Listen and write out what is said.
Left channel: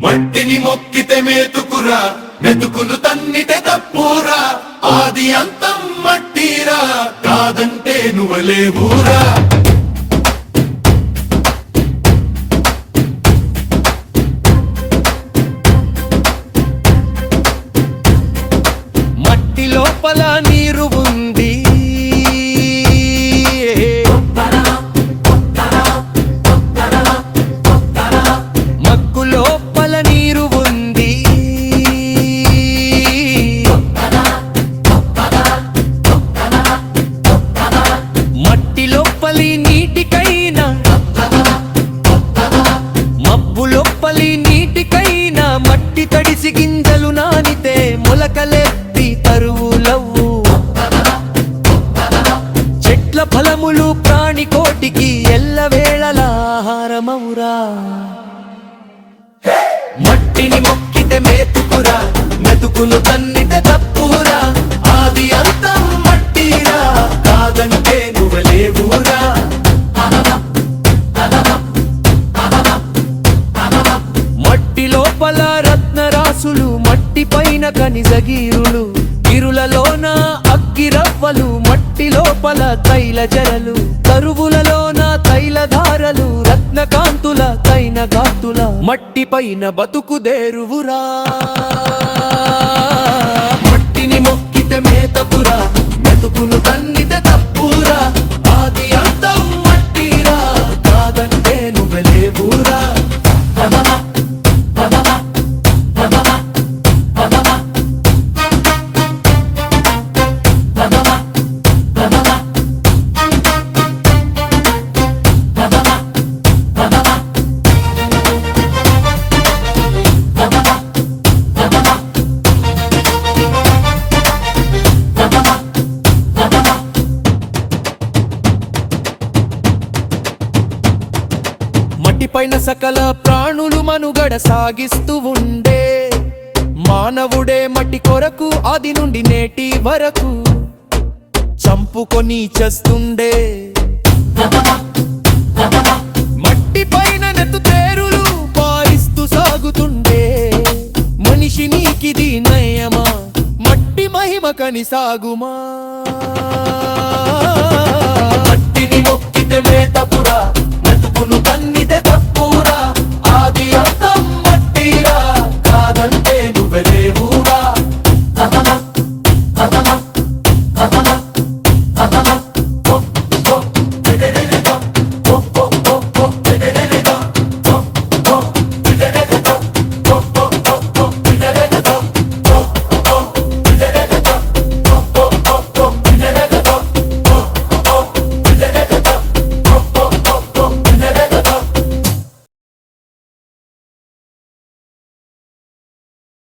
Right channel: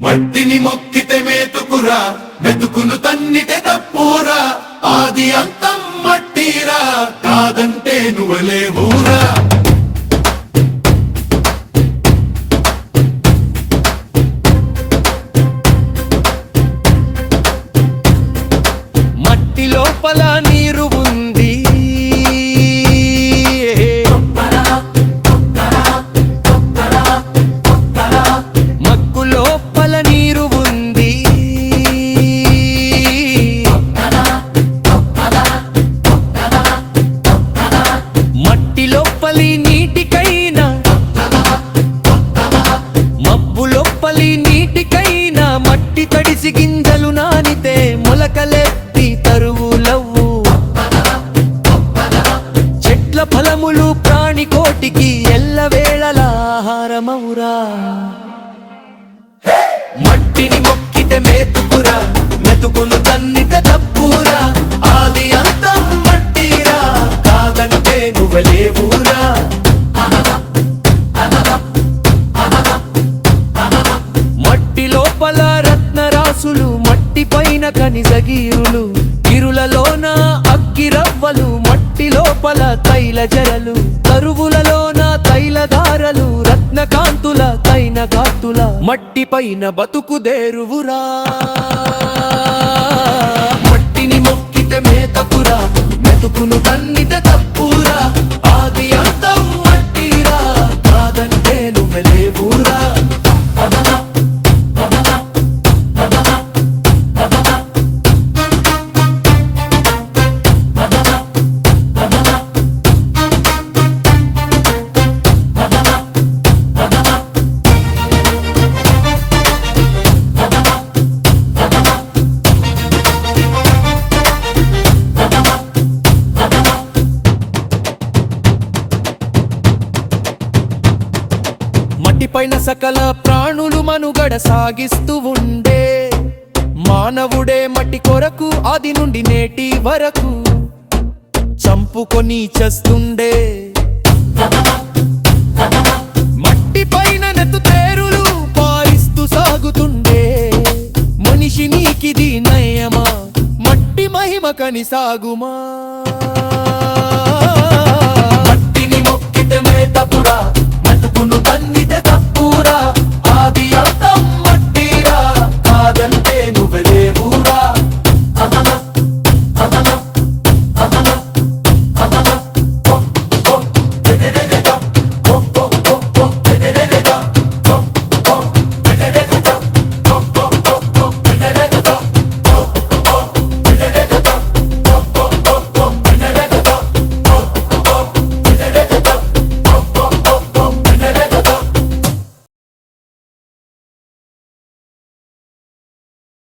మట్టిని మొక్కితే మేతుకురా మెతుకును తన్నితే తప్పురా. ఆది అంతం మట్టిరా కాదంటే నువ్వలేవురా. మట్టి లోపల నీరు ఉంది మబ్బు లోపలి నీటికైనా మట్టి తడిసి గింజలు నానితే మొలకలెత్తి తరువులవ్వు చెట్ల ఫలములు ప్రాణి కోటికి ఎల్లవేళల ఆహారమవురా మట్టిని మొక్కితే మేతుకురా మెతుకును తన్నితే తప్పురా. ఆది అంతం మట్టిరా కాదంటే నువ్వలేవురా లోపల రత్నరాసులు మట్టి పైన కనిజగీరులు ఇరులలోన అగ్గిరవ్వలు మట్టి లోపల తైల జరలు కరువులలోన తైలధారలు రత్నకాంతుల తైన గాతుల మట్టి పైన బతుకుదేరువురా మట్టిని మొక్కితే మేతపురా మెతుకును తన్ని మట్టిపైన సకల ప్రాణులు మనుగడ సాగిస్తూ ఉండే మానవుడే మట్టి కొరకు ఆది నుండి నేటి వరకు చంపుకొని చేస్తుండే. మట్టి పైన నెత్తు పారిస్తూ సాగుతుండే. మనిషి నీకిది నయమా మట్టి మహిమ కని సాగుమా? నువ్వే లేవురా